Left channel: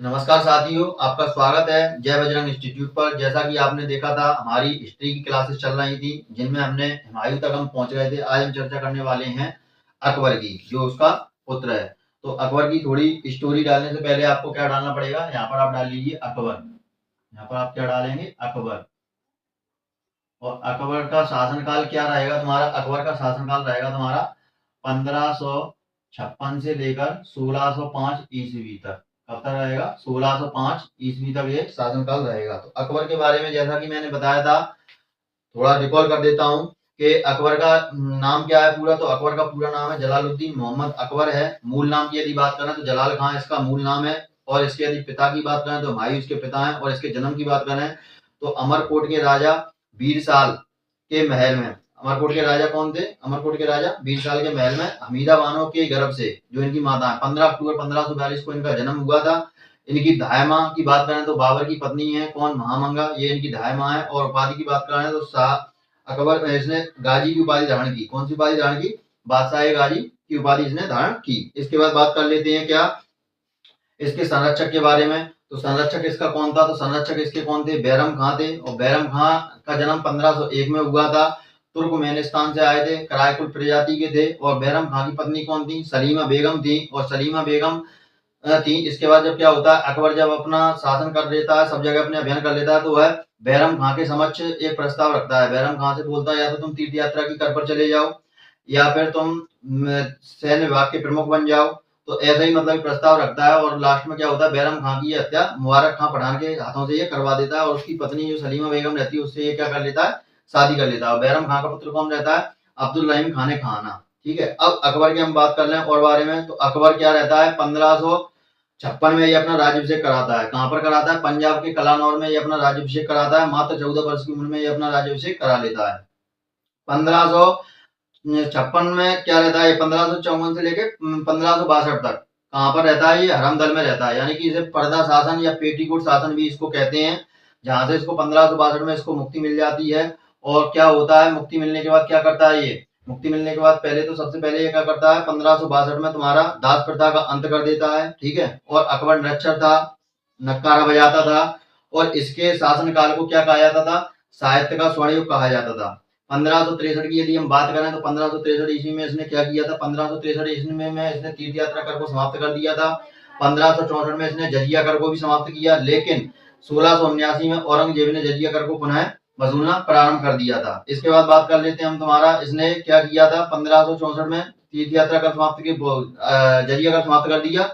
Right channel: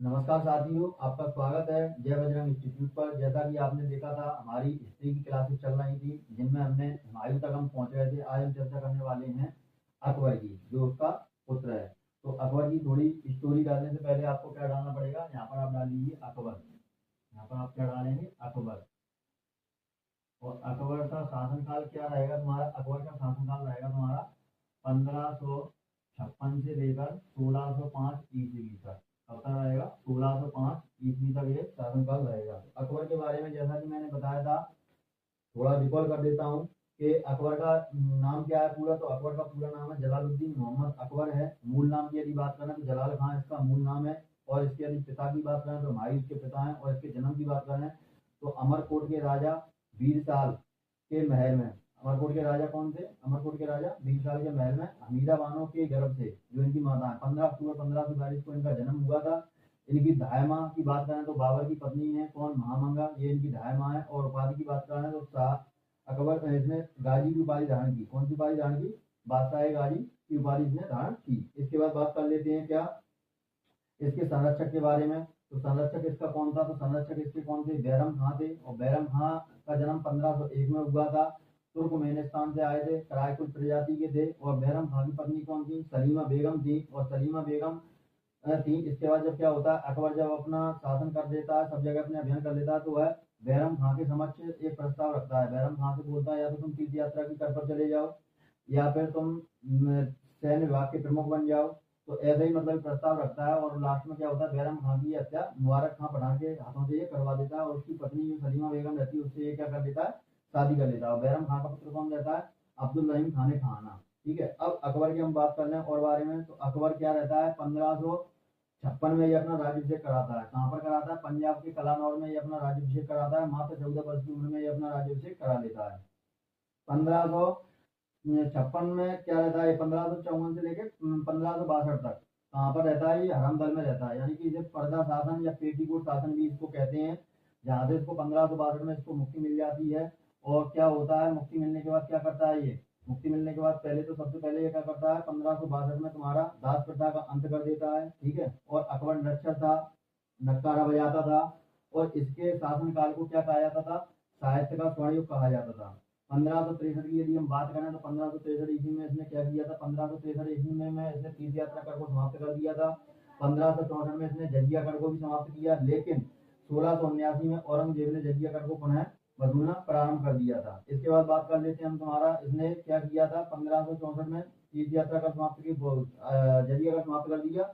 नमस्कार साथियों, आपका स्वागत है जय बजरंग इंस्टीट्यूट पर। जैसा कि आपने देखा था, हमारी हिस्ट्री की क्लासेस चल रही थी जिनमें हमने हुमायूं तक हम पहुंच गए थे। आज हम चर्चा करने वाले हैं अकबर की, जो उसका पुत्र है। तो अकबर की थोड़ी स्टोरी डालने से पहले आपको क्या डालना पड़ेगा, यहाँ पर आप डाल लीजिए अकबर। यहाँ पर आप क्या डालेंगे, अकबर। और अकबर का शासनकाल क्या रहेगा तुम्हारा, अकबर का शासनकाल रहेगा तुम्हारा 1556 से लेकर 1605 ईस्वी तक। कब तक रहेगा, 1605 ईस्वी तक ये शासनकाल रहेगा। तो अकबर के बारे में जैसा कि मैंने बताया था, थोड़ा रिकॉल कर देता हूँ कि अकबर का नाम क्या है पूरा। तो अकबर का पूरा नाम है जलालुद्दीन मोहम्मद अकबर है। मूल नाम की यदि बात करें तो जलाल खां इसका मूल नाम है। और इसके यदि पिता की बात करें तो हुमायूं इसके पिता हैं। और इसके जन्म की बात करें तो अमरकोट के राजा बीरसाल के महल में, अमरकोट के राजा कौन थे, अमरकोट के राजा बीरसाल के महल में हमीदा बानो के गर्भ से, जो इनकी माता है, 15 अक्टूबर 1542 को इनका जन्म हुआ था। इनकी धाय माँ की बात करें तो बाबर की पत्नी है कौन, महामंगा, ये इनकी धाय माँ है। और उपाधि की बात करें तो शाह अकबर, इसने गाजी की उपाधि धारण की। कौन सी उपाधि धारण की, बादशाह गाजी की उपाधि इसने धारण की। इसके बाद बात कर लेते हैं क्या इसके संरक्षक के बारे में। तो संरक्षक इसका कौन था, तो संरक्षक इसके कौन थे, बैरम खां थे। और बैरम खां का जन्म 1501 में हुआ था। तुर्कमेनिस्तान से आए थे, करायकुल प्रजाति के थे। और बैरम खां की पत्नी कौन थी, सलीमा बेगम थी। और सलीमा बेगम थी। इसके बाद जब क्या होता है, अकबर जब अपना शासन कर लेता है, सब जगह अपने अभियान कर लेता है, तो वह बैरम खां के समक्ष एक प्रस्ताव रखता है। बैरम खां से बोलता है या तो तुम तीर्थ यात्रा की कर पर चले जाओ, या फिर तुम सैन्य विभाग के प्रमुख बन जाओ। तो ऐसा ही मतलब प्रस्ताव रखता है। और लास्ट में क्या होता है, बैरम खां की हत्या मुबारक खां पठान के हाथों से ये करवा देता है। और उसकी पत्नी जो सलीमा बेगम रहती है, उससे ये क्या कर लेता है, शादी कर लेता है। और बैरम खां का पुत्र कौन रहता है, अब्दुल रहीम खान खाना। ठीक है, अब अकबर की हम बात कर लें और बारे में। तो अकबर क्या रहता है, 1556 में ये अपना राज्यभिषेक कराता है। कहां पर कराता है, पंजाब के कलानौर में ये अपना राज्यभिषेक कराता है। मात्र 14 वर्ष की उम्र में ये अपना राज्यभिषेक करा लेता है। 1556 में क्या रहता है, 1554 से लेके 1562 तक कहां पर रहता है, ये हरमदल में रहता है। यानी कि इसे पर्दा शासन या पेटीकोट शासन भी इसको कहते हैं। जहां से इसको 1562 में इसको मुक्ति मिल जाती है। और क्या होता है, मुक्ति मिलने के बाद क्या करता है, ये मुक्ति मिलने के बाद पहले तो सबसे पहले ये क्या करता है, 1562 में तुम्हारा दास प्रथा का अंत कर देता है। ठीक है, और अकबर निरक्षर था, नक्कारा बजाता था। और इसके शासनकाल को क्या कहा जाता था, साहित्य का स्वर्ण युग कहा जाता था। 1563 की यदि हम बात करें तो 1563 ईस्वी में इसने क्या किया था, 1563 ईस्वी में इसने तीर्थ यात्रा कर को समाप्त कर दिया था। 1564 में इसने जजिया कर को भी समाप्त किया। लेकिन 1679 में औरंगजेब ने जजिया कर को पुनः वसूलना प्रारंभ कर दिया था। इसके बाद बात कर लेते हैं हम तुम्हारा, इसने क्या किया था, 1564 में तीर्थ यात्रा कर समाप्त की, जजिया कर समाप्त कर दिया।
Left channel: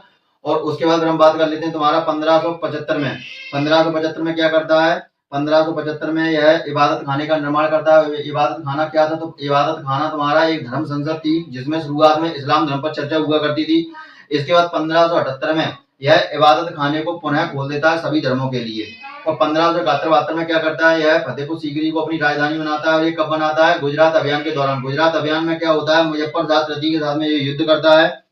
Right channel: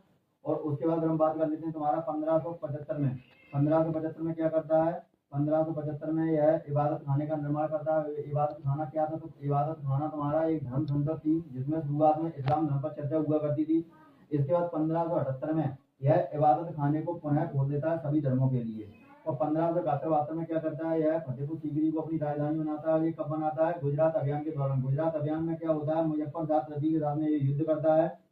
और उसके बाद हम बात कर लेते हैं तुम्हारा 1575 में। 1575 में क्या करता है, 1575 में यह इबादत खाने का निर्माण करता है। इबादत खाना क्या था, तो इबादत खाना तुम्हारा एक धर्म संसद थी जिसमें शुरुआत में इस्लाम धर्म पर चर्चा हुआ करती थी। इसके बाद 1578 में यह इबादत खाने को पुनः खोल देता है सभी धर्मों के लिए। और 1571 में क्या करता है, यह फतेहपुर सीकरी को अपनी राजधानी बनाता है। और ये कब बनाता है, गुजरात अभियान के दौरान। गुजरात अभियान में क्या होता है, मुजफ्फर शाह तृतीय के साथ में ये युद्ध करता है।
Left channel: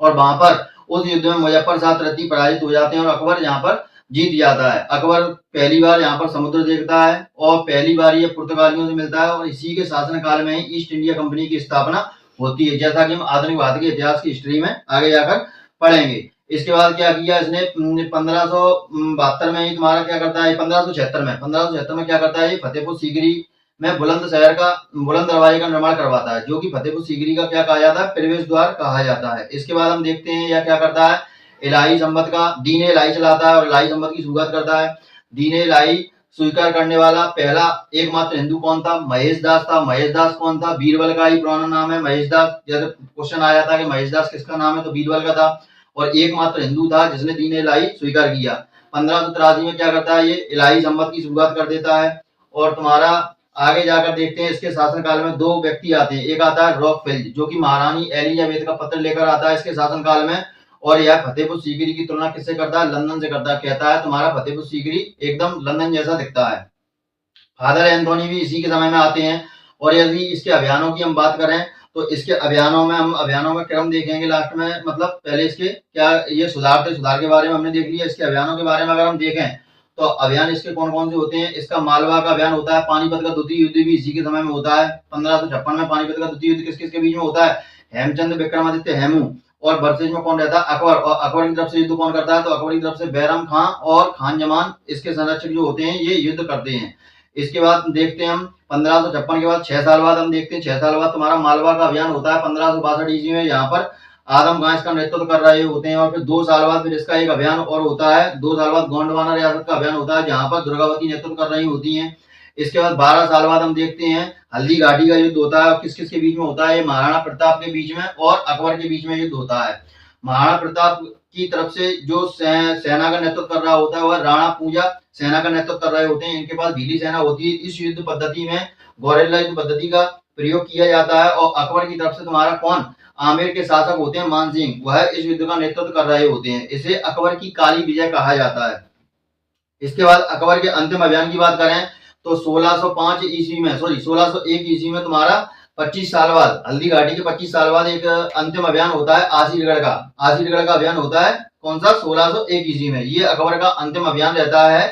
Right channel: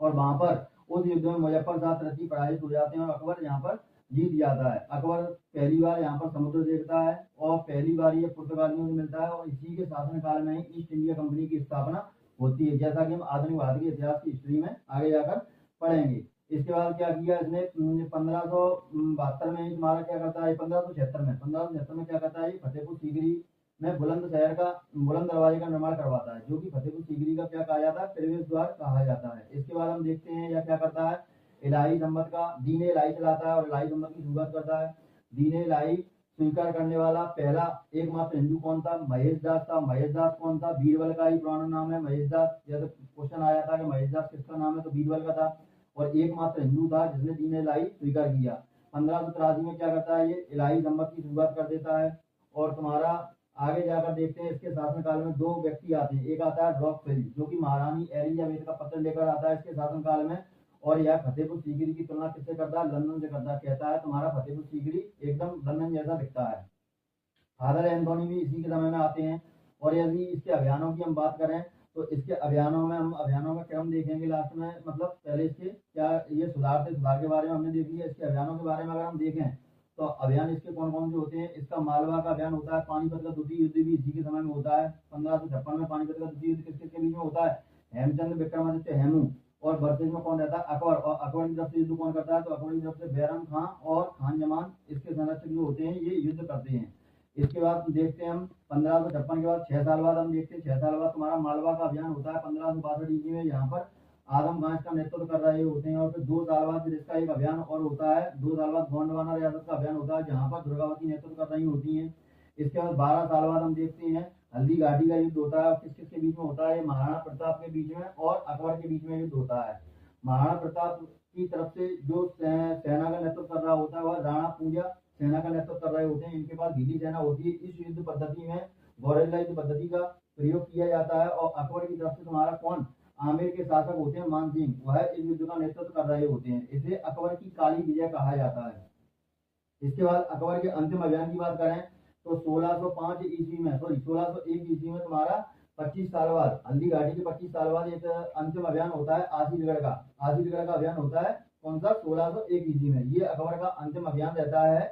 और वहां पर उस युद्ध में मुजफ्फर शाह तृतीय पराजित हो जाते हैं और अकबर यहाँ पर जीत जाता है। अकबर पहली बार यहाँ पर समुद्र देखता है और पहली बार ये पुर्तगालियों से मिलता है। और इसी के शासनकाल में ही ईस्ट इंडिया कंपनी की स्थापना होती है, जैसा कि हम आधुनिक भारत के इतिहास की हिस्ट्री में आगे जाकर पढ़ेंगे। इसके बाद क्या किया इसने, 1572 में ही तुम्हारा क्या करता है, 1576 में क्या करता है, फतेहपुर सीकरी में बुलंद शहर का, बुलंद दरवाजे का निर्माण करवाता है, जो कि फतेहपुर सीकरी का क्या कहा जाता है, प्रवेश द्वार कहा जाता है। इसके बाद हम देखते हैं यह क्या करता है, इलाही संबत का दीन इलाही चलाता है और इलाही संबत की शुरुआत करता है। दीन इलाही स्वीकार करने वाला पहला एकमात्र हिंदू कौन था, महेश दास था। महेश दास कौन था, बीरबल का ही पुराना नाम है महेश दास। जैसे क्वेश्चन आया था कि महेश दास किसका नाम है, तो बीरबल का था। और एकमात्र हिंदू था जिसने दीन इलाही स्वीकार किया। 1583 में क्या करता है, ये इलाही संबत की शुरुआत कर देता है। और तुम्हारा आगे जाकर देखते हैं इसके शासनकाल में दो व्यक्ति आते हैं। एक आता है रॉकफेल, जो कि महारानी एलिजाबेथ का पत्र लेकर आता है इसके शासनकाल में। और यह फतेहपुर सीकरी की तुलना किससे करता है, लंदन से करता है। कहता है तुम्हारा फतेहपुर सीकरी एकदम लंदन जैसा दिखता है। फादर एंथोनी भी इसी के समय में आते हैं। और यदि इसके अभियानों की हम बात करें तो इसके अभियानों में हम अभियानों का क्रम देखेंगे लास्ट में। मतलब पहले इसके क्या ये सुधार थे, सुधार के बारे में हमने देख लिया। इसके अभियानों के बारे में अगर हम देखें तो अभियान इसके कौन कौन से होते हैं, इसका मालवा का अभियान होता है। पानीपत का द्वितीय युद्ध भी इसी के समय में होता है। 1556 में पानीपत का द्वितीय युद्ध किस किस के बीच में होता है, हेमचंद विक्रमादित्य हेमू और वर्सेज में कौन रहता है, अकबर। और अकबर की तरफ से युद्ध कौन करता है, तो अकबर की तरफ से बैरम खां और खान जमान इसके संरक्षक जो होते हैं ये युद्ध करते हैं। इसके बाद देखते हैं हम 1556 के बाद 6 साल बाद हम देखते हैं 6 साल बाद तुम्हारा मालवा का अभियान होता है 1562 ईस्वी में। यहाँ पर आदम खां इसका नेतृत्व कर रहे होते हैं। और फिर 2 साल बाद फिर इसका एक अभियान और होता है, 2 साल बाद गोंडवाना रियासत का अभियान होता है जहां पर दुर्गावती नेतृत्व कर रही होती हैं। इसके बाद 12 साल बाद हम देखते हैं हल्दी घाटी का युद्ध होता है। किस किस के बीच में होता है, महाराणा प्रताप के बीच में और अकबर के बीच में युद्ध होता है। महाराणा प्रताप की तरफ से जो सेना का नेतृत्व कर रहा होता है वह राणा पूजा सेना का नेतृत्व कर रहे होते हैं। इनके पास भीली सेना होती है। इस युद्ध पद्धति में गौरेला युद्ध पद्धति का प्रयोग किया जाता है। और अकबर की तरफ से तुम्हारा कौन, आमेर के शासक होते हैं मान सिंह, वह इस युद्ध का नेतृत्व कर रहे होते हैं। इसे अकबर की काली विजय कहा जाता है। इसके बाद अकबर के अंतिम अभियान की बात करें तो 1601 ईस्वी में तुम्हारा 25 साल बाद, हल्दी घाटी के 25 साल बाद एक अंतिम अभियान होता है आसीरगढ़ का। आसीरगढ़ का अभियान होता है कौन सा, 1601 ईस्वी में। ये अकबर का अंतिम अभियान रहता है।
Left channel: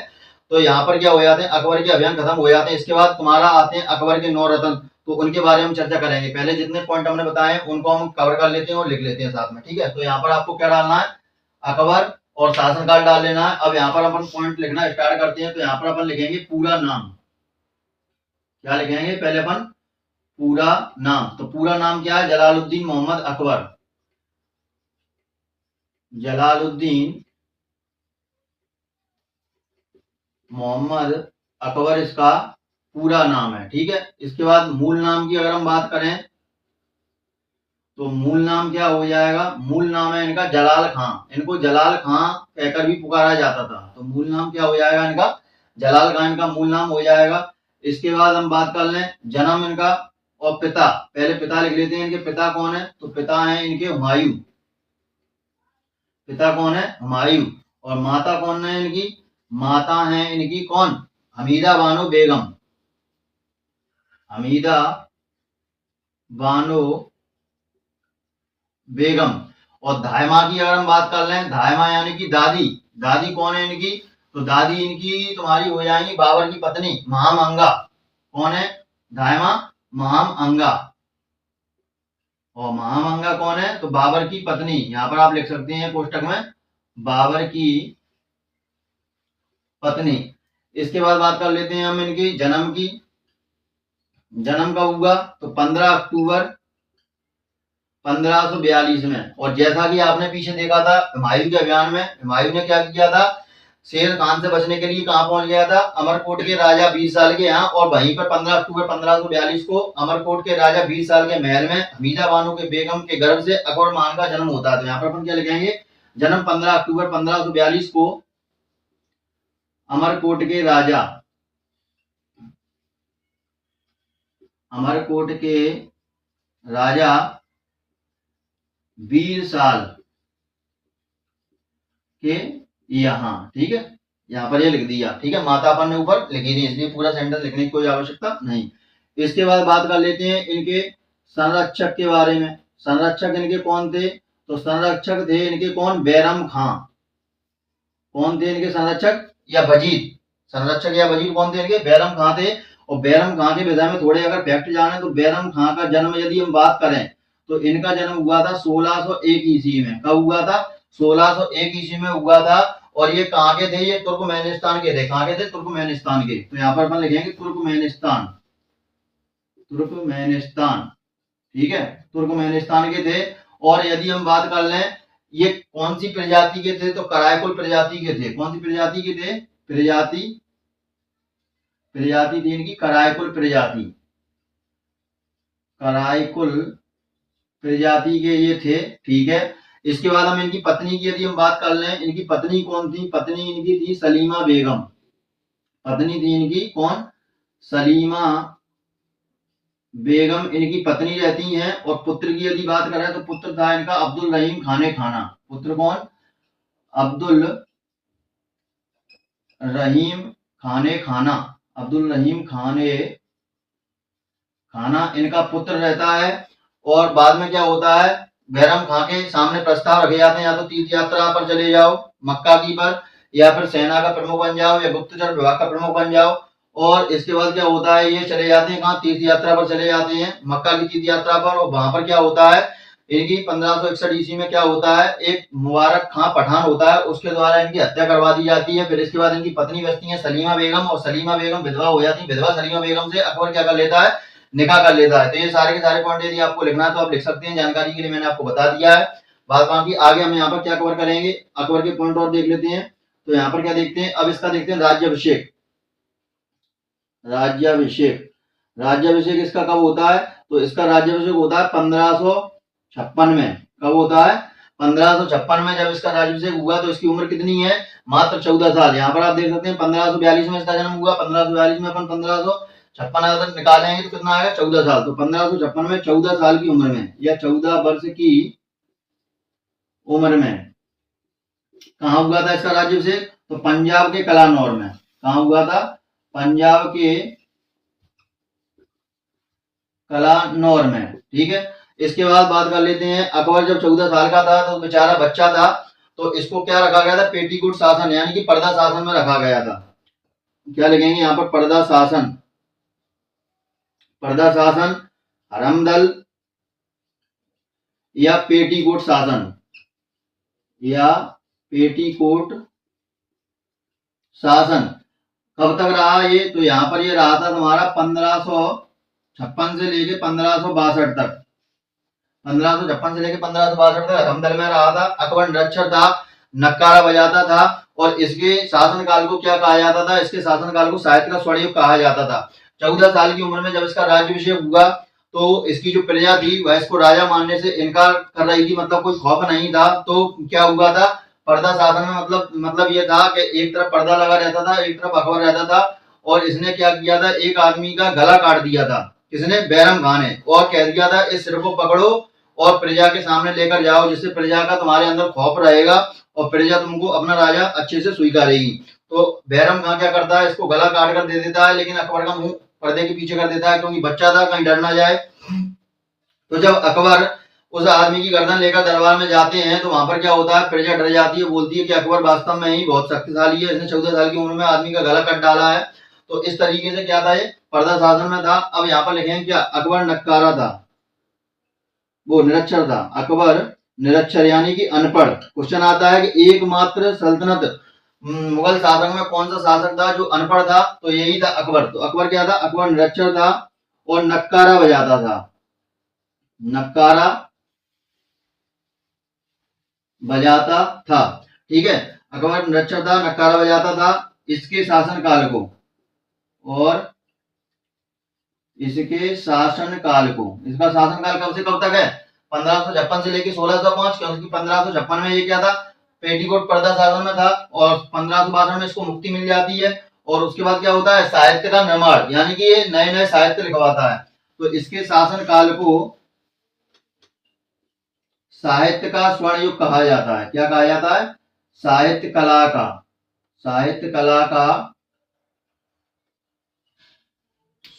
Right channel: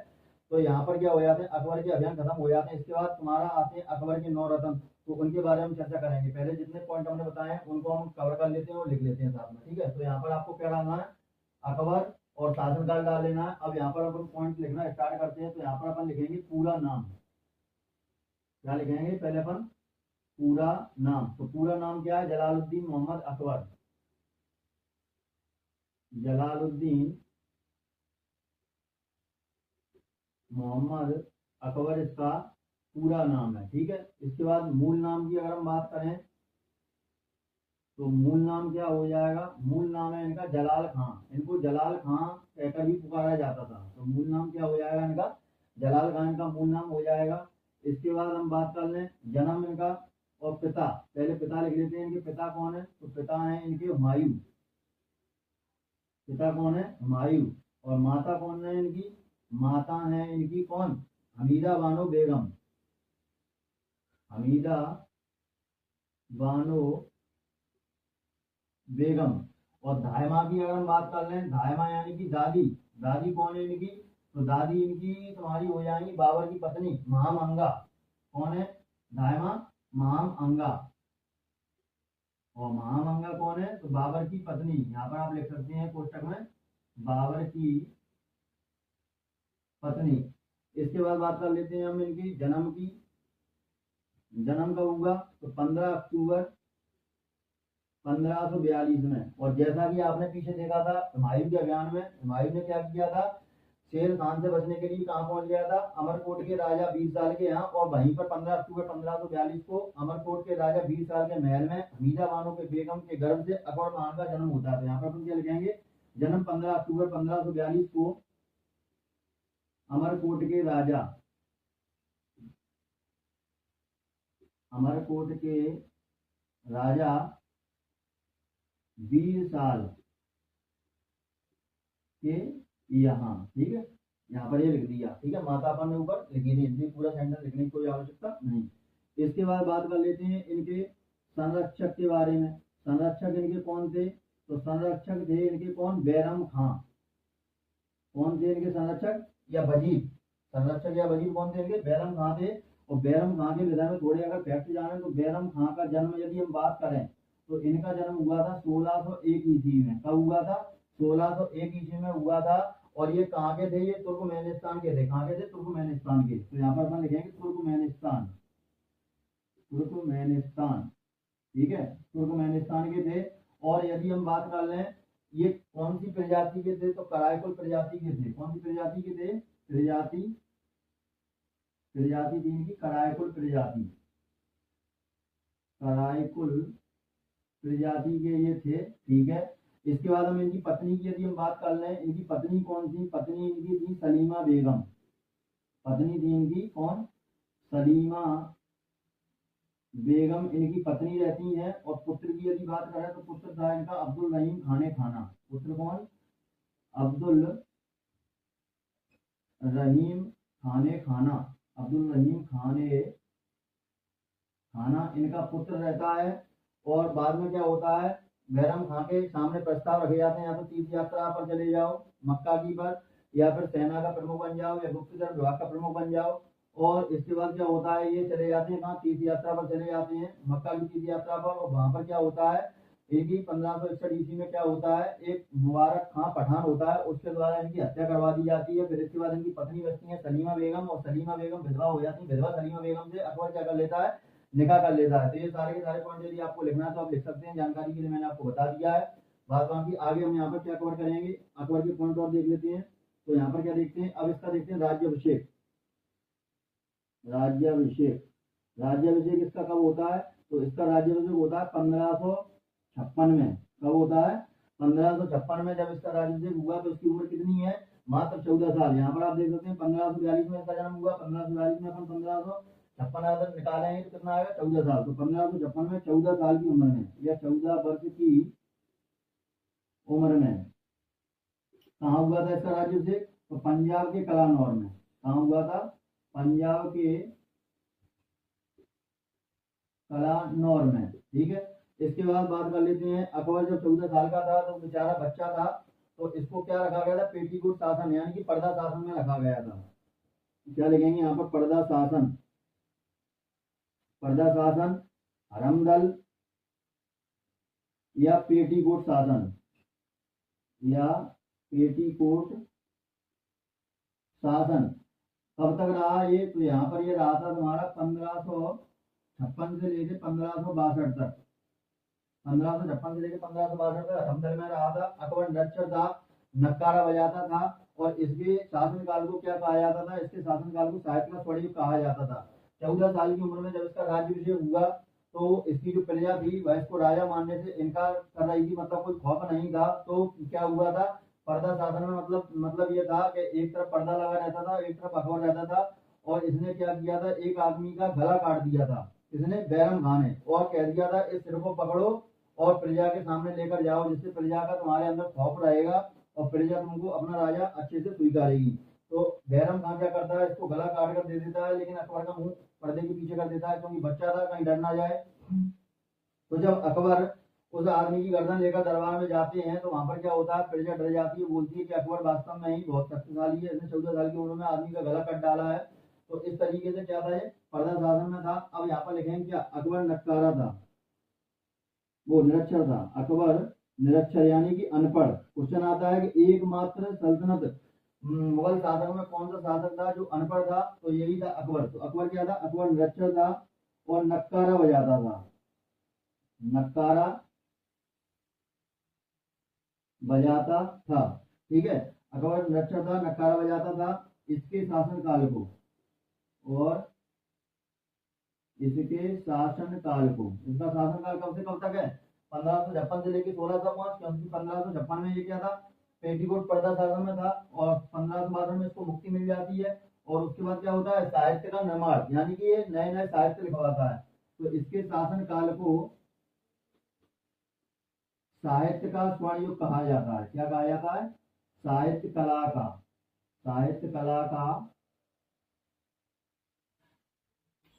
तो यहाँ पर क्या हो जाते हैं, अकबर के अभियान खत्म हो जाते हैं। इसके बाद तुम्हारा आते हैं अकबर के 9 रत्न, तो उनके बारे में चर्चा करेंगे। पहले जितने पॉइंट हमने बताए उनको हम कवर कर लेते हैं और लिख लेते हैं साथ में, ठीक है। तो यहाँ पर आपको क्या डालना है, अकबर और शासनकाल डाल लेना है। अब यहाँ पर अपन पॉइंट लिखना स्टार्ट करते हैं। तो यहाँ पर अपन लिखेंगे पूरा नाम। क्या लिखेंगे, पहले अपन पूरा नाम। तो पूरा नाम क्या है, जलालुद्दीन मोहम्मद अकबर। जलालुद्दीन मोहम्मद अकबर इसका पूरा नाम है, ठीक है। इसके बाद मूल नाम की अगर हम बात करें तो मूल नाम क्या हो जाएगा, मूल नाम है इनका जलाल खां। इनको जलाल खां कहकर भी पुकारा जाता था। तो मूल नाम क्या हो जाएगा इनका, जलाल खां इनका मूल नाम हो जाएगा। इसके बाद हम बात कर लें जन्म इनका और पिता। पहले पिता लिख लेते हैं, इनके पिता कौन है, तो पिता है इनके हुमायूं। पिता कौन है, हुमायूं। और माता कौन है इनकी, माता है इनकी कौन, हमीदा बानो बेगम। हमीदा बानो बेगम। और धायमा की अगर हम बात कर लें, धायमा यानी कि दादी। दादी कौन है इनकी, तो दादी इनकी तुम्हारी हो जाएंगी बाबर की पत्नी महाम अंगा। कौन है, धायमा महाम अंगा। और महाम अंगा कौन है, तो बाबर की पत्नी। यहां पर आप लिख सकते हैं कोष्टक में बाबर की पत्नी। इसके बाद बात कर लेते हैं हम इनकी जन्म की। जन्म कब हुआ, तो 15 अक्टूबर 1542 में। और जैसा कि आपने पीछे देखा था हुमायूं के अभियान में, हुमायूं ने क्या किया था, शेर खान से बचने के लिए कहां पहुंच गया था, अमरकोट के राजा 20 साल के यहाँ। और वहीं पर 15 अक्टूबर 1542 को अमरकोट के राजा 20 साल के महल में हमीदा बानो के बेगम के गर्भ से अकबर खान का जन्म होता है। तो यहाँ पर अपन क्या लिखेंगे, जन्म 15 अक्टूबर 1542 को अमरकोट के राजा, अमरकोट के राजा 20 साल के यहाँ, ठीक है। यहाँ पर ये लिख दिया, ठीक है। माता अपन ने ऊपर लिखी थी इसलिए पूरा सेंटेंस लिखने की कोई आवश्यकता नहीं। इसके बाद बात कर लेते हैं इनके संरक्षक के बारे में। संरक्षक इनके कौन थे, तो संरक्षक थे इनके कौन, बैरम खां। कौन थे इनके संरक्षक या वजीर, संरक्षक या वजीर कौन थे इनके, बैरम खां थे। और बैरम खां के विषय में थोड़े अगर फैक्ट जाने तो बैरम खां का जन्म यदि हम बात करें तो इनका जन्म हुआ था 1601 ईस्वी में। कब हुआ था, 1601 ईस्वी में हुआ था। और ये कहाँ के थे, ये तुर्कमेनिस्तान के थे। कहाँ के थे, तुर्कमेनिस्तान के। तो यहाँ पर अपन लिखेंगे तुर्कमेनिस्तान, तुर्कमेनिस्तान, ठीक है, तुर्कमेनिस्तान के थे। और यदि हम बात कर लें ये कौन सी प्रजाति के थे, तो करायकुल प्रजाति के थे। कौन सी प्रजाति के थे, प्रजाति थी इनकी करायकुल प्रजाति। करायकुल प्रजाति के ये थे, ठीक है। इसके बाद हम इनकी पत्नी की यदि हम बात कर लें, इनकी पत्नी कौन थी, पत्नी इनकी थी सलीमा बेगम। पत्नी थी इनकी कौन, सलीमा बेगम इनकी पत्नी रहती हैं। और पुत्र की यदि बात करें तो पुत्र था इनका अब्दुल रहीम खाने खाना। पुत्र कौन, अब्दुल रहीम खाने खाना। अब्दुल रहीम खाने खाना इनका पुत्र रहता है। और बाद में क्या होता है, बैरम खां के सामने प्रस्ताव रखे जाते हैं, या तो तीर्थ यात्रा पर चले जाओ मक्का की पर, या फिर सेना का प्रमुख बन जाओ, या गुप्तचर विभाग का प्रमुख बन जाओ। और इसके बाद क्या होता है, ये चले जाते हैं कहाँ, तीर्थ यात्रा पर चले जाते हैं, मक्का की तीर्थ यात्रा पर। और वहां पर क्या होता है, इनकी 1561 ईस्वी में क्या होता है, एक मुबारक खां पठान होता है, उसके द्वारा इनकी हत्या करवा दी जाती है। फिर इसके बाद इनकी पत्नी बचती है सलीमा बेगम, और सलीमा बेगम विधवा हो जाती है। विधवा सलीमा बेगम से अकबर क्या कर लेता है, निकाह कर लेता है। तो ये सारे के सारे पॉइंट यदि आपको लिखना है तो आप लिख सकते हैं, जानकारी के लिए मैंने आपको बता दिया है। बात बाकी आगे हम यहाँ पर क्या कवर करेंगे, अकबर के पॉइंट और देख लेते हैं। तो यहाँ पर क्या देखते हैं, अब इसका देखते हैं राज्याभिषेक। राज्याभिषेक, राज्याभिषेक इसका कब होता है, तो इसका राज्याभिषेक होता है 1556 में। कब होता है, 1556 में जब इसका राज्याभिषेक हुआ। तो इसकी उम्र कितनी है, मात्र 14 साल। यहाँ पर आप देख सकते हैं 1542 में इसका जन्म हुआ। 1542 में अपन 1556 अगर निकालेंगे तो कितना आएगा, 14 साल। तो 1556 में 14 साल की उम्र में या 14 वर्ष की उम्र में कहाँ हुआ था इसका राज्याभिषेक, तो पंजाब के कलानौर में। कहाँ हुआ था, पंजाब के कलानौर में। ठीक है, इसके बाद बात कर लेते हैं, अकबर जब 14 साल का था तो बेचारा बच्चा था, तो इसको क्या रखा गया था, पेटीकोट शासन यानी कि पर्दा शासन में रखा गया था। क्या लिखेंगे यहाँ पर, पर्दा शासन, पर्दा शासन, हरमदल या पेटीकोट शासन, या पेटीकोट शासन। कब तक रहा ये, तो यहाँ पर ये रहा था तुम्हारा 1556 से लेके 1562 तक। 1556 से लेके 1562 तक हरमदल में रहा था। अकबर निरक्षर था, नक्कारा बजाता था, और इसके शासनकाल को क्या कहा जाता था, इसके शासनकाल को साहित्य का स्वर्ण युग कहा जाता था। 14 साल की उम्र में जब इसका राज्याभिषेक हुआ तो इसकी जो प्रजा थी वह इसको राजा मानने से इनकार कर रही थी, मतलब कोई खौफ नहीं था। तो क्या हुआ था, पर्दा शासन में मतलब ये था कि एक तरफ पर्दा लगा रहता था, एक तरफ अकबर रहता था। और इसने क्या किया था, एक आदमी का गला काट दिया था, किसने, बैरम खान ने, और कह दिया था इस सिर को पकड़ो और प्रजा के सामने लेकर जाओ, जिससे प्रजा का तुम्हारे अंदर खौफ रहेगा और प्रजा तुमको अपना राजा अच्छे से स्वीकारेगी। तो बैरम खान क्या करता है, इसको गला काट कर दे देता है, लेकिन अकबर का मुंह पर्दे के पीछे कर देता है, क्योंकि बच्चा था, कहीं डर ना जाए। तो जब अकबर उस आदमी की गर्दन लेकर दरबार में जाते हैं तो वहां पर क्या होता है, प्रजा डर जाती है, बोलती है कि अकबर वास्तव में ही बहुत शक्तिशाली है, इसने 14 साल की उम्र में आदमी का गला कट डाला है। तो इस तरीके से क्या था, ये पर्दा शासन में था। अब यहाँ पर लिखेंगे क्या, अकबर नक्कारा था, वो निरक्षर था। अकबर निरक्षर यानी कि अनपढ़। क्वेश्चन आता है कि एकमात्र सल्तनत मुगल शासक में कौन सा शासक था जो अनपढ़ था, तो यही था अकबर। तो अकबर क्या था, अकबर निरक्षर था और नक्कारा बजाता था, नक्कारा बजाता था। ठीक है, अकबर निरक्षर था, नक्कारा बजाता था। इसके शासनकाल को, और इसके शासनकाल को, इसका शासनकाल कब से कब तक है, 1556 से लेकर 1605, क्योंकि 1556 में ये क्या था, पेटीकोट पर्दा शासन में था, और 1562 में इसको मुक्ति मिल जाती है। और उसके बाद क्या होता है, साहित्य का निर्माण, यानी कि ये नए नए साहित्य लिखवाता है। तो इसके शासनकाल को साहित्य का स्वर्ण युग कहा जाता है। क्या कहा जाता है, साहित्य कला का, साहित्य कला का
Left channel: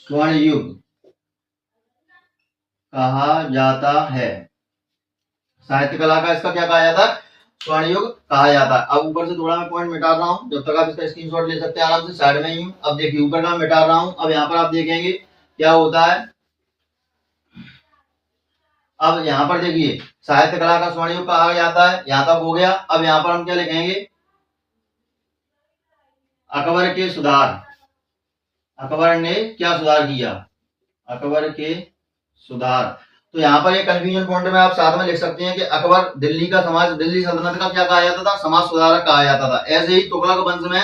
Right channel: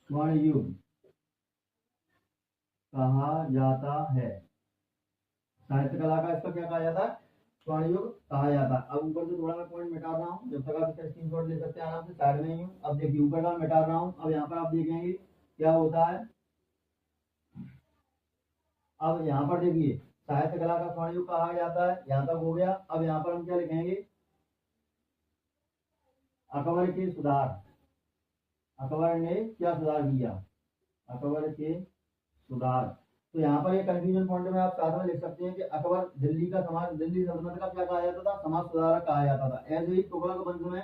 स्वर्ण युग कहा जाता है। साहित्य कला का इसका क्या कहा जाता है, स्वर्ण युग कहा जाता है। अब ऊपर से थोड़ा मैं पॉइंट मिटा रहा हूं, जब तक आप इसका स्क्रीनशॉट ले सकते हैं आराम से, साइड में ही हूं। अब देखिए ऊपर का मिटा रहा हूं। अब यहाँ पर आप देखेंगे क्या होता है। अब यहाँ पर देखिए साहित्य कला का स्वर्ण युग कहा जाता है, यहां तक हो गया। अब यहाँ पर हम क्या लिखेंगे, अकबर के सुधार। अकबर ने क्या सुधार किया, अकबर के सुधार। तो यहाँ पर एक कंफ्यूजन पॉइंट में आप साथ में लिख सकते हैं कि अकबर दिल्ली का समाज, दिल्ली सल्तनत का क्या कहा जाता था, समाज सुधारक कहा जाता था। ऐसे ही तुगलक वंश में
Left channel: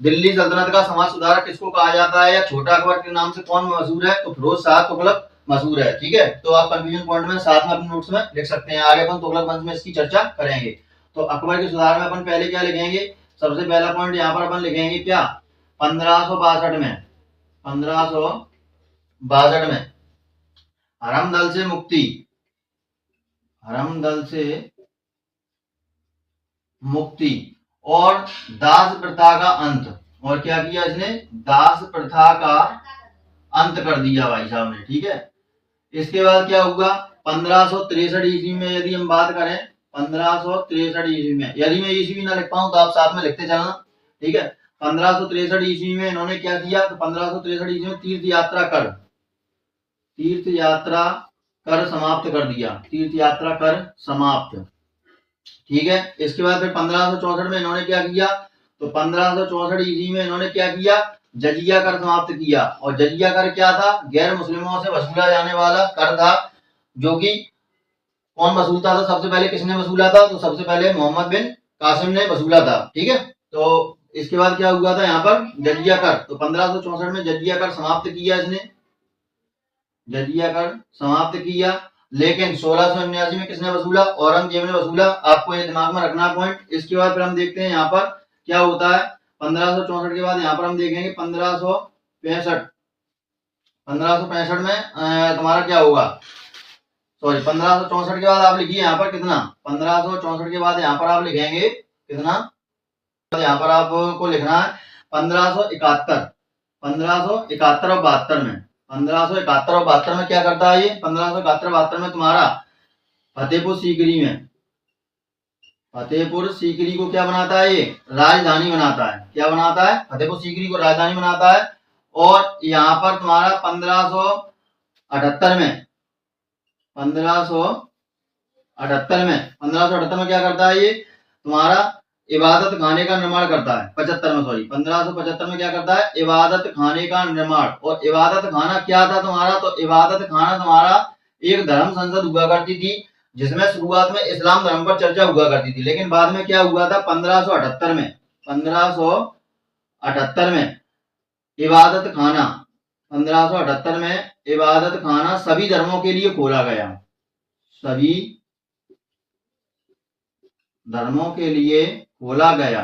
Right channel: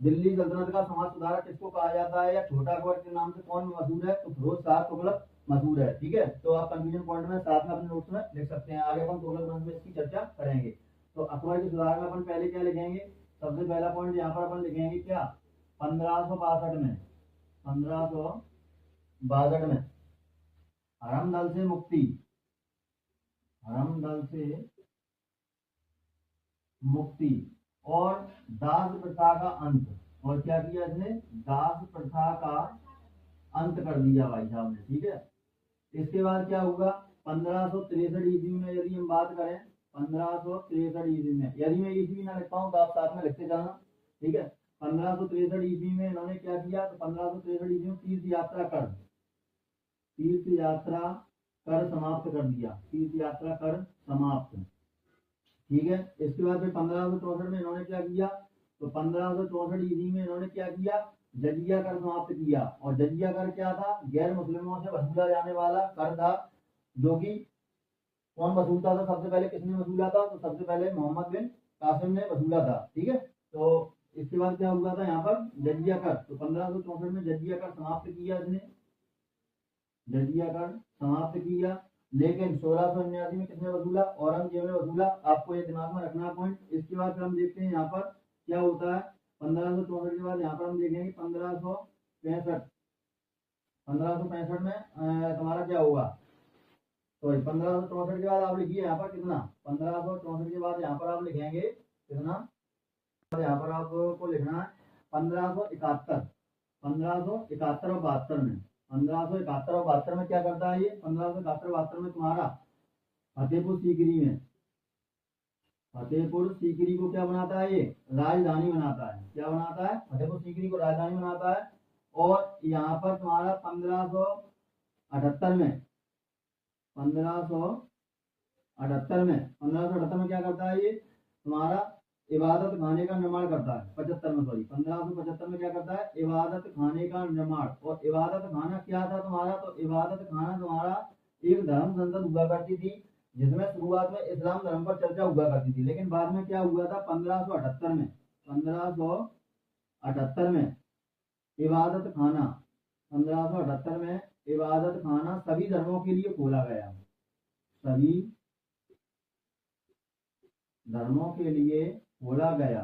दिल्ली सल्तनत का समाज सुधारक किसको कहा जाता है, या छोटा अकबर के नाम से कौन मशहूर है, तो फिरोज शाह तुगलक मशहूर है। ठीक है, तो आप कंफ्यूजन पॉइंट में साथ में अपने नोट्स में लिख सकते हैं। आगे अपन तुगलक वंश में इसकी चर्चा करेंगे। तो अकबर के सुधार में अपन पहले क्या लिखेंगे, सबसे पहला पॉइंट यहाँ पर अपन लिखेंगे क्या, 1562 में, 1562 में हरमदल से मुक्ति, हरमदल से मुक्ति, और दास प्रथा का अंत। और क्या किया इसने, दास प्रथा का अंत कर दिया भाई साहब ने। ठीक है, इसके बाद क्या हुआ, 1563 ईस्वी में यदि हम बात करें, 1563 ईस्वी में, यदि मैं ईस्वी ना लिख पाऊं तो आप साथ में लिखते चलना। ठीक है, 1563 ईस्वी में इन्होंने क्या किया, तो 1563 ईस्वी में तीर्थ यात्रा कर, तीर्थ यात्रा कर समाप्त कर दिया, तीर्थ यात्रा कर समाप्त। ठीक है, इसके बाद फिर 1564 में इन्होंने क्या किया, तो 1564 ईस्वी में इन्होंने क्या किया, जजिया कर समाप्त किया। और जजिया कर क्या था, गैर मुस्लिमों से वसूला जाने वाला कर था, जो कि कौन वसूलता था, सबसे पहले किसने वसूला था, तो सबसे पहले मोहम्मद बिन कासिम ने वसूला था। ठीक है, तो इसके बाद क्या हुआ था यहाँ पर, जजिया कर, तो 1564 में जजिया कर समाप्त किया इसने, जजिया कर समाप्त किया। लेकिन 1679 में किसने वसूला, औरंगजेब ने वसूला। आपको ये दिमाग में रखना पॉइंट। इसके बाद फिर हम देखते हैं यहाँ पर क्या होता है, 1564 के बाद यहाँ पर हम देखेंगे 1565, 1565 में तुम्हारा क्या होगा, सॉरी 1564 के बाद आप लिखिए यहाँ पर कितना, 1564 के बाद यहाँ पर आप लिखेंगे कितना, यहाँ पर आपको लिखना है 1571, 1571 और 72 में, 1571 और 72 में क्या करता है ये, 1571 72 में तुम्हारा फतेहपुर सीकरी में, फतेहपुर सीकरी को क्या बनाता है, ये राजधानी बनाता है। क्या बनाता है, फतेहपुर सीकरी को राजधानी बनाता है। और यहाँ पर तुम्हारा 1578 में, 1578 में क्या करता है ये, तुम्हारा इबादत खाने का निर्माण करता है। 75 में, सॉरी 1575 में क्या करता है, इबादत खाने का निर्माण। और इबादत खाना क्या था तुम्हारा, तो इबादत खाना तुम्हारा एक धर्म संसद हुआ करती थी, जिसमें शुरुआत में इस्लाम धर्म पर चर्चा हुआ करती थी। लेकिन बाद में क्या हुआ था, 1578 में, 1578 में इबादत खाना, 1578 में इबादत खाना सभी धर्मों के लिए खोला गया, सभी धर्मों के लिए खोला गया।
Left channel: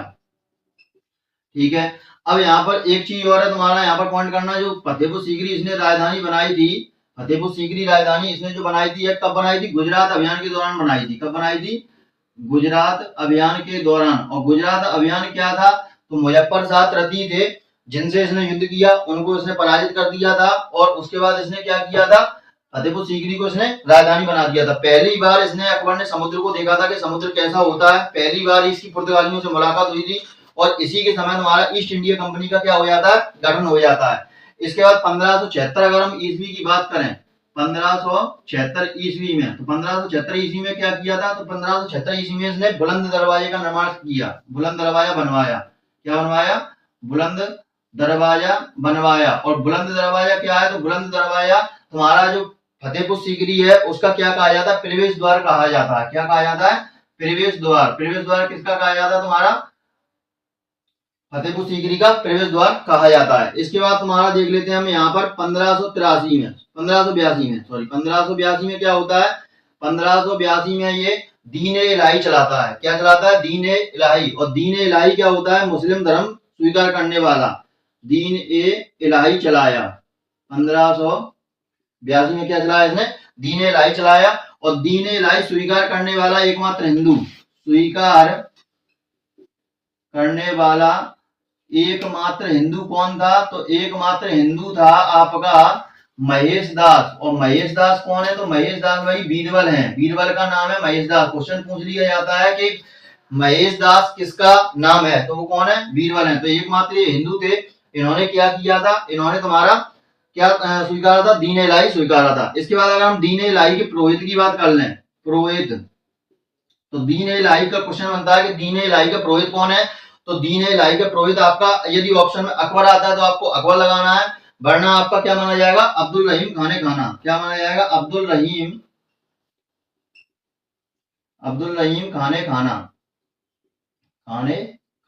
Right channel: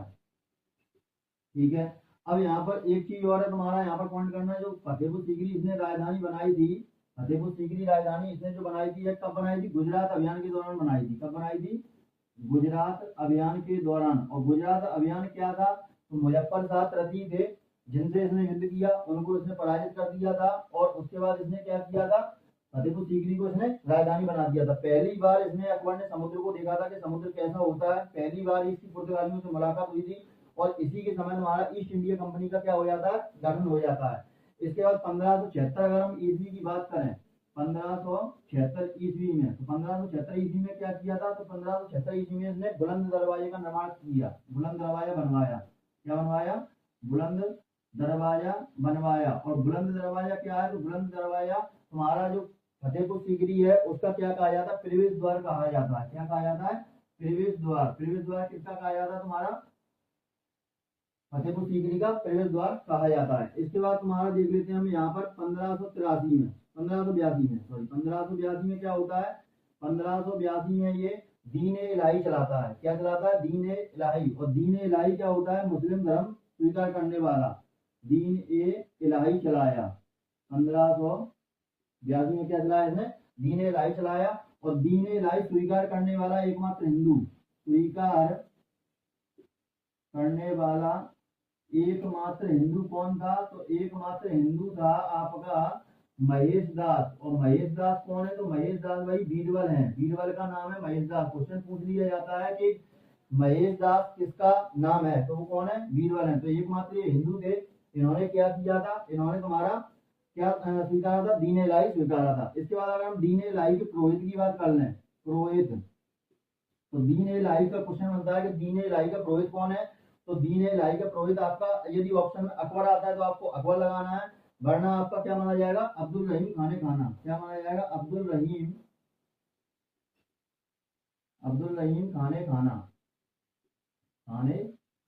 ठीक है, अब यहाँ पर एक चीज और है तुम्हारा यहाँ पर पॉइंट करना, जो फतेहपुर सीकरी इसने राजधानी बनाई थी, फतेहपुर सीकरी राजधानी इसने जो बनाई थी, कब बनाई थी, गुजरात अभियान के दौरान बनाई थी। कब बनाई थी, गुजरात अभियान के दौरान। और गुजरात अभियान क्या था, तो मुजफ्फर शाह तृतीय थे, जिनसे इसने युद्ध किया, उनको इसने पराजित कर दिया था। और उसके बाद इसने क्या किया था, फतेहपुर सीकरी को इसने राजधानी बना दिया था। पहली बार इसने, अकबर ने समुद्र को देखा था कि समुद्र कैसा होता है, पहली बार इसकी पुर्तगालियों से मुलाकात हुई थी। और इसी के समय हमारा ईस्ट इंडिया कंपनी का क्या हो जाता है, गठन हो जाता है। इसके बाद 1576 अगर हम ईस्वी की बात करें, 1576 ईस्वी में, तो 1576 ईस्वी में क्या किया था, तो 1576 ईस्वी में इसने बुलंद दरवाजे का निर्माण किया, बुलंद दरवाजा बनवाया। क्या बनवाया, बुलंद दरवाजा बनवाया। और बुलंद दरवाजा क्या है, तो बुलंद दरवाजा तुम्हारा जो फतेहपुर सीकरी है उसका क्या कहा जाता है, प्रवेश द्वार कहा जाता है। क्या कहा जाता है, प्रवेश द्वार। प्रवेश द्वार किसका कहा जाता है, तुम्हारा फतेहपुर सीकरी का प्रवेश द्वार कहा जाता है। इसके बाद तुम्हारा देख लेते हैं हम यहाँ पर 1583 में, 1582 में, सॉरी 1582 में क्या होता है, 1582 में ये दीन ए इलाही चलाता है। क्या चलाता है, दीन ए इलाही। और दीन ए इलाही क्या होता है, मुस्लिम धर्म स्वीकार करने वाला, दीन ए इलाही चलाया। 1582 में क्या चलाया इसने, दीन ए इलाही चलाया। और दीन ए इलाही स्वीकार करने वाला एकमात्र हिंदू, स्वीकार करने वाला एकमात्र हिंदू कौन था, तो एकमात्र हिंदू था आपका महेश दास। और महेश दास कौन है, तो महेश दास भाई बीरबल हैं, बीरबल का नाम है महेश दास। क्वेश्चन पूछ लिया जाता है कि महेश दास किसका नाम है, तो वो कौन है, बीरबल है। तो एकमात्र ये हिंदू थे। इन्होंने क्या किया था, इन्होंने तुम्हारा क्या स्वीकारा था, दीन इलाही स्वीकारा था। इसके बाद अगर हम दीन इलाही के पुरोहित की बात कर लें, पुरोहित, तो दीन इलाही का क्वेश्चन बनता है कि दीन इलाही का पुरोहित कौन है। तो दीन इलाही का पुरोहित आपका, यदि ऑप्शन में अकबर आता है तो आपको अकबर लगाना है, वरना आपका क्या माना जाएगा, अब्दुल रहीम खाने खाना। क्या माना जाएगा, अब्दुल रहीम खाने खाना, खाने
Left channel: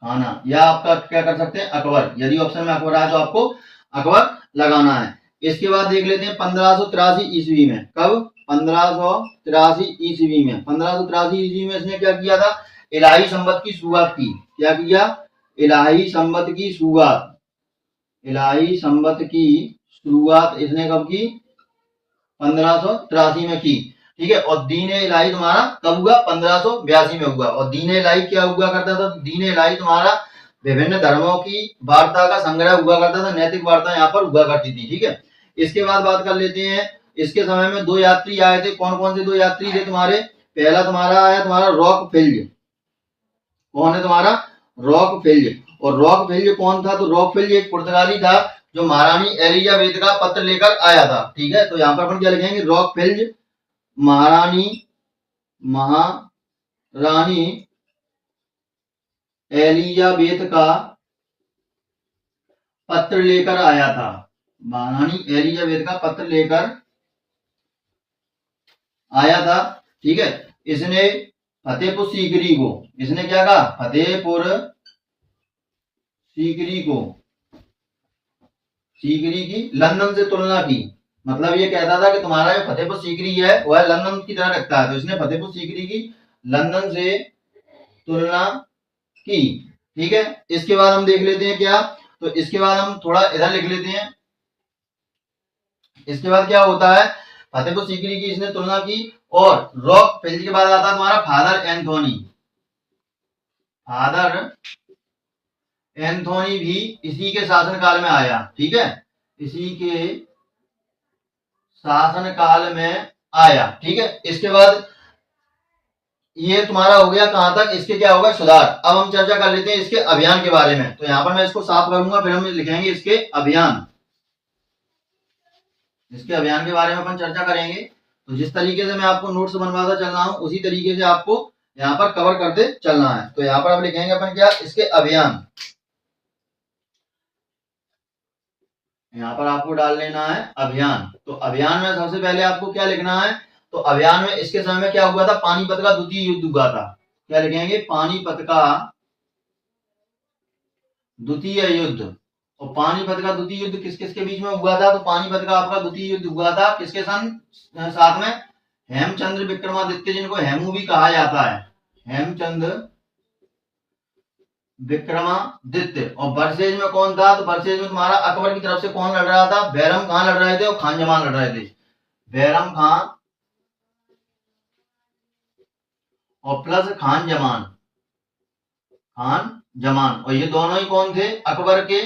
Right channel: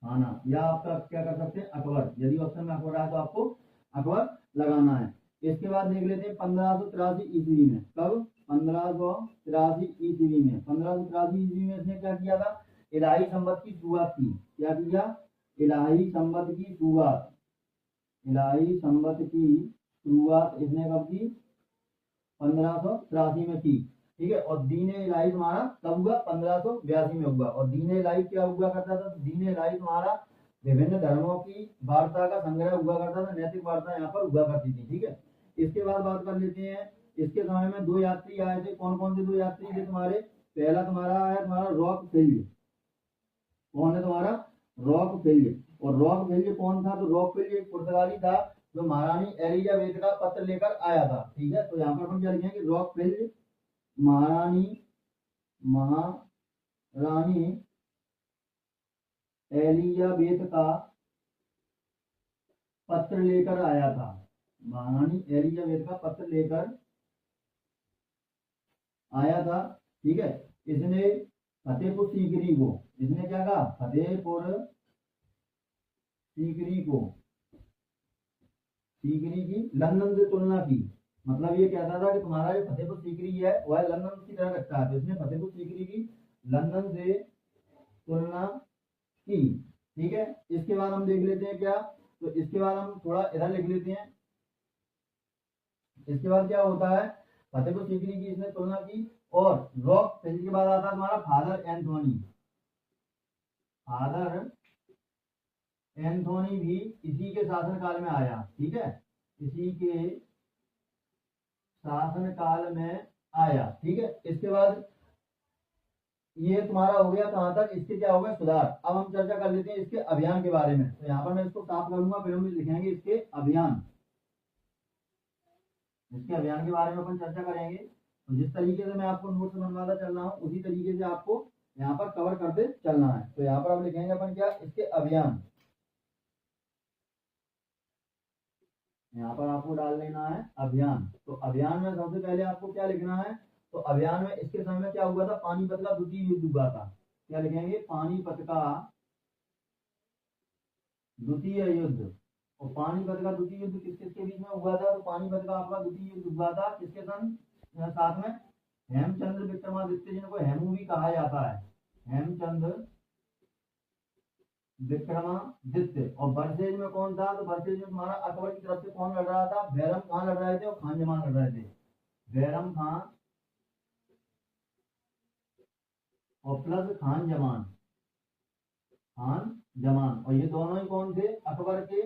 खाना। या आपका क्या कर सकते हैं, अकबर। यदि ऑप्शन में अकबर आए तो आपको अकबर लगाना है। इसके बाद देख लेते हैं 1583 ईस्वी में, कब, 1583 ईस्वी में, 1583 ईस्वी में इसने क्या किया था, इलाही संवत की शुरुआत की। क्या किया, इलाही संवत की शुरुआत, इलाही संवत की शुरुआत इसने कब की, 1583 में की। ठीक है, और दीन इलाही तुम्हारा कब हुआ, 1582 में हुआ। और दीन इलाही क्या हुआ करता था, दीन इलाही तुम्हारा विभिन्न धर्मों की वार्ता का संग्रह हुआ करता था, नैतिक वार्ता यहाँ पर हुआ करती थी। ठीक है, इसके बाद बात कर लेते हैं, इसके समय में दो यात्री आए थे। कौन कौन से दो यात्री थे तुम्हारे, पहला तुम्हारा आया तुम्हारा रॉकफेल्ज। कौन है तुम्हारा, रॉकफेल्ज। और रॉकफेल्ज कौन था, तो रॉकफेल्ज एक पुर्तगाली था जो महारानी एलिजाबेथ का पत्र लेकर आया था। ठीक है, तो यहाँ पर अपन क्या लिखेंगे, रॉकफेल्ज महारानी एलिजाबेथ का पत्र लेकर आया था। महारानी एलिजाबेथ का पत्र लेकर आया था। ठीक है, इसने फतेहपुर सीकरी को, इसने क्या कहा, फतेहपुर सीकरी को, सीकरी की लंदन से तुलना की। मतलब ये कहता था कि तुम्हारा जो फतेहपुर सीकरी है वह लंदन की तरह लगता है, तो इसने फतेहपुर सीकरी की लंदन से तुलना की। ठीक है, इसके बाद हम देख लेते हैं क्या, तो इसके बाद हम थोड़ा इधर लिख लेते हैं। इसके बाद क्या होता है, फतेहपुर सीकरी की इसने तुलना की, और रॉक फेल के बाद आता है तुम्हारा फादर एंथोनी। फादर एंथोनी भी इसी के शासनकाल में आया। ठीक है, इसी के शासनकाल में आया। ठीक है, इसके बाद ये तुम्हारा हो गया कहां तक, इसके क्या होगा, सुधार। अब हम चर्चा कर लेते हैं इसके अभियान के बारे में। तो यहां पर मैं इसको साफ करूंगा, फिर हम लिखेंगे इसके अभियान। इसके अभियान के बारे में अपन चर्चा करेंगे। तो जिस तरीके से मैं आपको नोट्स बनवाता चल रहा हूं उसी तरीके से आपको यहाँ पर कवर करते चलना है। तो यहाँ पर अब लिखेंगे अपन क्या, इसके अभियान। यहाँ पर आपको डाल लेना है अभियान। तो अभियान में सबसे पहले आपको क्या लिखना है, तो अभियान में इसके समय में क्या हुआ था, पानीपत का द्वितीय युद्ध हुआ था। क्या लिखेंगे, पानीपत का द्वितीय युद्ध। और पानीपत का द्वितीय युद्ध किस किस के बीच में हुआ था, तो पानीपत का आपका द्वितीय युद्ध हुआ था किसके साथ में, हेमचंद्र विक्रमादित्य, जिनको हेमू भी कहा जाता है, हेमचंद्र विक्रमादित्य। और वर्सेज में कौन था, तो वर्सेज में तुम्हारा अकबर की तरफ से कौन लड़ रहा था, बैरम खान लड़ रहे थे और खान जमान लड़ रहे थे। बैरम खान और प्लस खान जमान, खान जमान। और ये दोनों ही कौन थे, अकबर के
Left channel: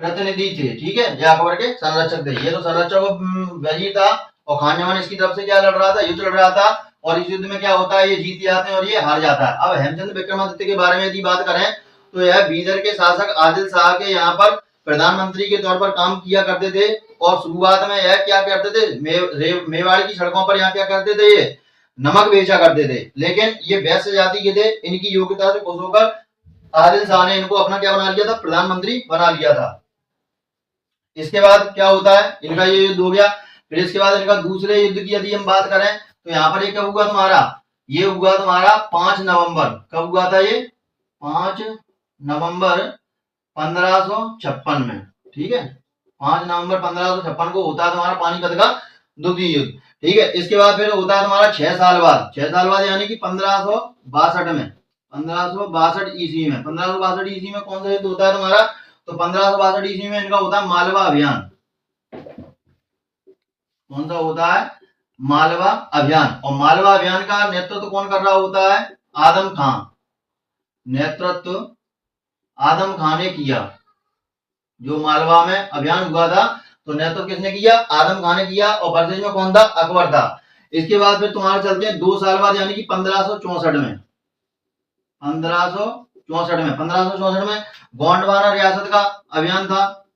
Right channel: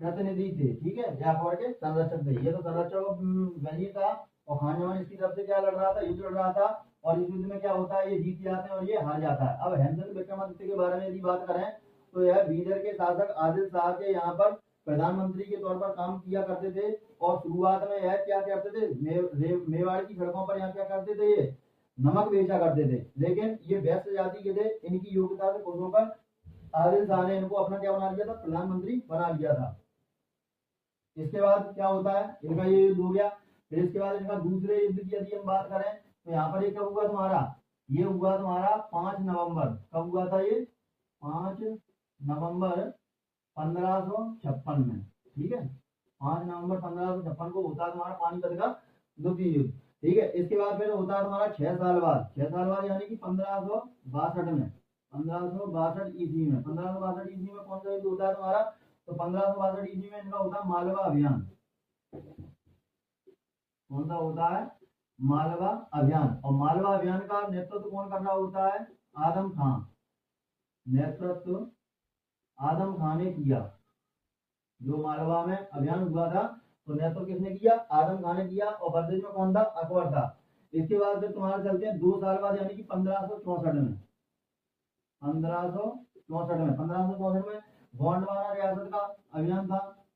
प्रतिनिधि थे। ठीक है, ये अकबर के संरक्षक थे। ये तो संरक्षक वजीर था, और खान जमान इसकी तरफ से क्या लड़ रहा था, युद्ध लड़ रहा था। और इस युद्ध में क्या होता है, ये जीत जाते हैं और ये हार जाता है। अब हेमचंद्र विक्रमादित्य के बारे में यदि बात करें तो यह बीदर के शासक आदिल शाह के यहाँ पर प्रधानमंत्री के तौर पर काम किया करते थे। और शुरुआत में यह क्या करते थे, मेवाड़ की सड़कों पर यहाँ क्या करते थे, ये नमक बेचा करते थे। लेकिन ये वैश्य जाति के थे, इनकी योग्यता से खुश होकर आदिल शाह ने इनको अपना क्या बना लिया था, प्रधानमंत्री बना लिया था। इसके बाद क्या होता है, इनका ये युद्ध हो गया। फिर इसके बाद इनका दूसरे युद्ध की यदि हम बात करें तो यहाँ पर ये कब हुआ तुम्हारा, ये हुआ तुम्हारा 5 नवंबर। कब हुआ था ये, 5 नवंबर 1556 में। ठीक है, 5 नवंबर 1556 को होता है तुम्हारा पानीपत का द्वितीय युद्ध। ठीक है, इसके बाद फिर होता है तुम्हारा 6 साल बाद, 6 साल बाद यानी कि 1562 में, 1562 ईस्वी में। 1562 ईस्वी में कौन सा युद्ध होता है तुम्हारा, तो 1562 ईस्वी में इनका होता है मालवा अभियान। कौन सा होता है, मालवा अभियान। और मालवा अभियान का नेतृत्व कौन कर रहा होता है, आदम खान। नेतृत्व आदम खान ने किया। जो मालवा में अभियान हुआ था तो नेतृत्व किसने किया, आदम खान ने किया। और वर्सेज में कौन था, अकबर था। इसके बाद फिर तुम्हारे चलते हैं 2 साल बाद यानी कि 1564 में, 1564 में गोंडवाना रियासत का अभियान था,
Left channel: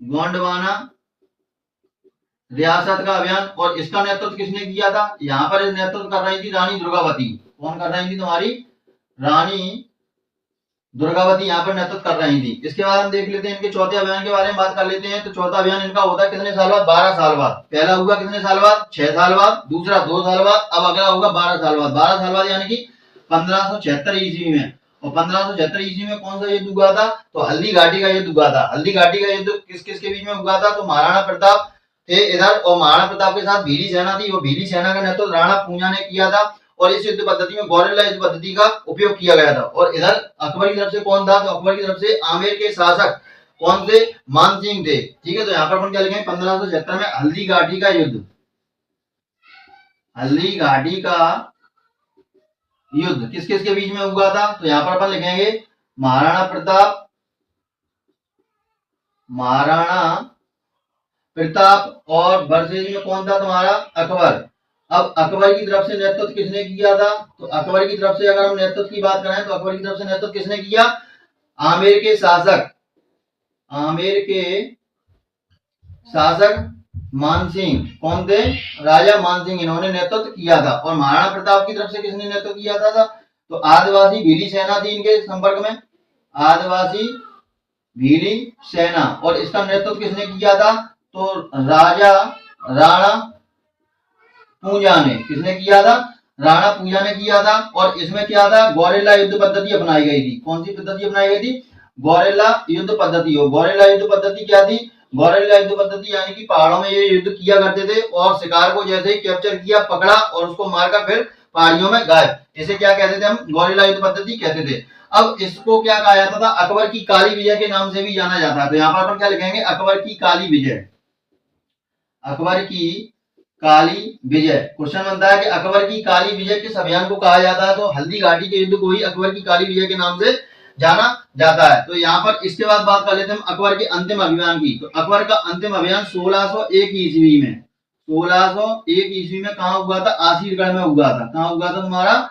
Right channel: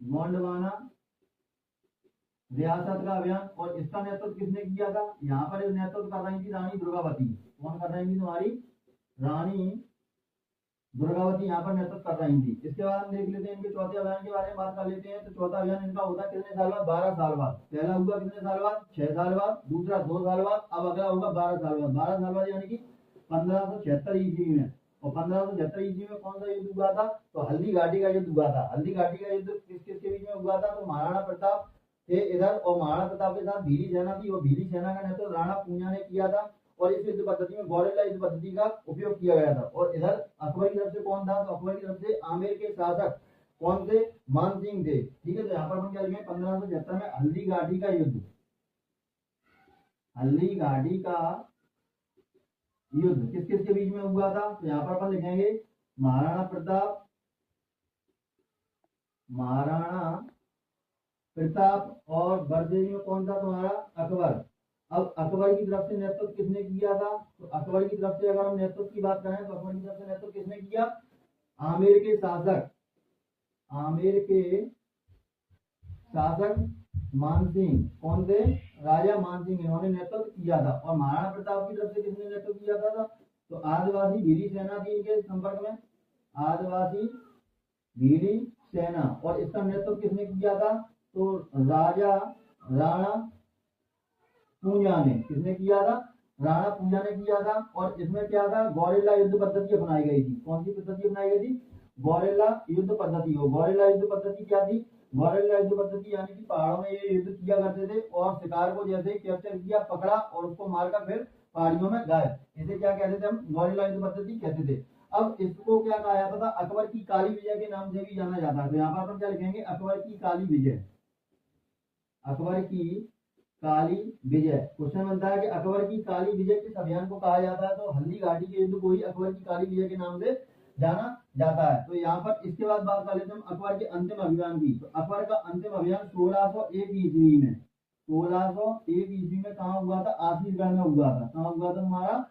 गोंडवाना रियासत का अभियान। और इसका नेतृत्व किसने किया था, यहाँ पर नेतृत्व कर रही थी रानी दुर्गावती। कौन कर रही थी, तुम्हारी रानी दुर्गावती यहाँ पर नेतृत्व कर रही थी। इसके बाद हम देख लेते हैं इनके चौथे अभियान के बारे में बात कर लेते हैं। तो चौथा अभियान इनका होता है कितने साल बाद, 12 साल बाद। पहला हुआ कितने साल बाद, 6 साल बाद, दूसरा 2 साल बाद, अब अगला होगा 12 साल बाद। 12 साल बाद यानी कि 1576 ईस्वी में। और 1576 ईस्वी में कौन सा युद्ध हुआ था, तो हल्दी घाटी का युद्ध हुआ था। हल्दी घाटी का युद्ध किस किस के बीच में हुआ था, तो महाराणा प्रताप थे इधर, और महाराणा प्रताप के साथ भीली सेना थी। वो भीली सेना का नेतृत्व राणा पूंजा ने किया था। और इस युद्ध पद्धति में गौरेला युद्ध पद्धति का उपयोग किया गया था। और इधर अकबर की तरफ से कौन था, तो अकबर की तरफ से आमेर के शासक कौन थे, मान सिंह थे। ठीक है, तो यहाँ पर अपन क्या लिखेंगे, 1576 में हल्दी घाटी का युद्ध, हल्दी घाटी का युद्ध किस किस के बीच में हुआ था, तो यहाँ पर अपन लिखेंगे महाराणा प्रताप, और वर्सेज में कौन था तुम्हारा, अकबर। अब अकबर की तरफ से नेतृत्व किसने किया था, तो अकबर की तरफ से अगर हम नेतृत्व की बात करें तो अकबर की तरफ से नेतृत्व किसने किया, आमेर के शासक मानसिंह, कौन थे? राजा मानसिंह, इन्होंने नेतृत्व किया था। और महाराणा प्रताप की तरफ से किसने नेतृत्व किया था? तो आदिवासी भीली सेना थी इनके संपर्क में, आदिवासी भीली सेना। और इसका नेतृत्व किसने किया था? तो राजा राणा पूजा ने। किसने किया था? राणा पूजा ने किया था। और इसमें क्या था? गौरेला युद्ध पद्धति अपनाई गई थी। कौन सी पद्धति अपनाई गई थी? गौरेला युद्ध पद्धति। हो गौरेला युद्ध पद्धति क्या थी? गौरेला युद्ध पद्धति यानी कि पहाड़ों में ये युद्ध किया करते थे और शिकार को जैसे ही कैप्चर किया, पकड़ा और उसको मारकर फिर पहाड़ियों में गायब। इसे क्या कहते थे हम? गौरेला युद्ध पद्धति कहते थे। अब इसको क्या कहा जाता था? अकबर की काली विजय के नाम से भी जाना जाता है। तो यहाँ पर अपन क्या लिखेंगे? अकबर की काली विजय। अकबर की काली विजय। क्वेश्चन बनता है कि अकबर की काली विजय किस अभियान को कहा जाता है? तो हल्दी घाटी के युद्ध को ही अकबर की काली विजय के नाम से जाना जाता है। तो यहाँ पर इसके बाद बात कर लेते हैं हम अकबर के अंतिम अभियान की। तो अकबर का अंतिम अभियान 1601 ईस्वी में, 1601 ईस्वी में कहाँ हुआ था? आसीरगढ़ में हुआ था। कहाँ हुआ था तुम्हारा?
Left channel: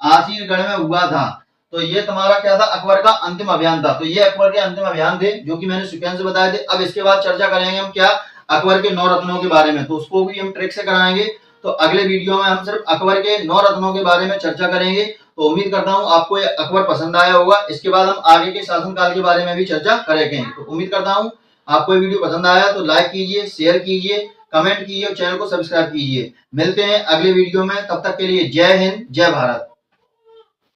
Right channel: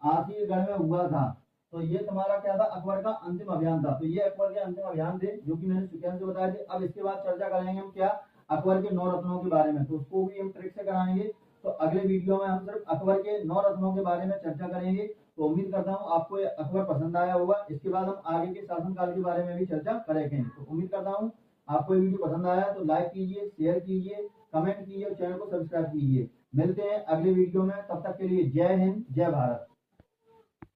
आसीरगढ़ में हुआ था। तो ये तुम्हारा क्या था? अकबर का अंतिम अभियान था। तो ये अकबर के अंतिम अभियान थे जो कि मैंने सीक्वेंस बताए थे। अब इसके बाद चर्चा करेंगे हम क्या? अकबर के 9 रत्नों के बारे में। तो उसको भी हम ट्रिक से कराएंगे। तो अगले वीडियो में हम सिर्फ अकबर के 9 रत्नों के बारे में चर्चा करेंगे। तो उम्मीद करता हूं आपको ये अकबर पसंद आया होगा। इसके बाद हम आगे के शासनकाल के बारे में भी चर्चा करेंगे। तो उम्मीद करता हूं आपको ये वीडियो पसंद आया। तो लाइक कीजिए, शेयर कीजिए, कमेंट कीजिए और चैनल को सब्सक्राइब कीजिए। मिलते हैं अगले वीडियो में। तब तक के लिए जय हिंद, जय भारत।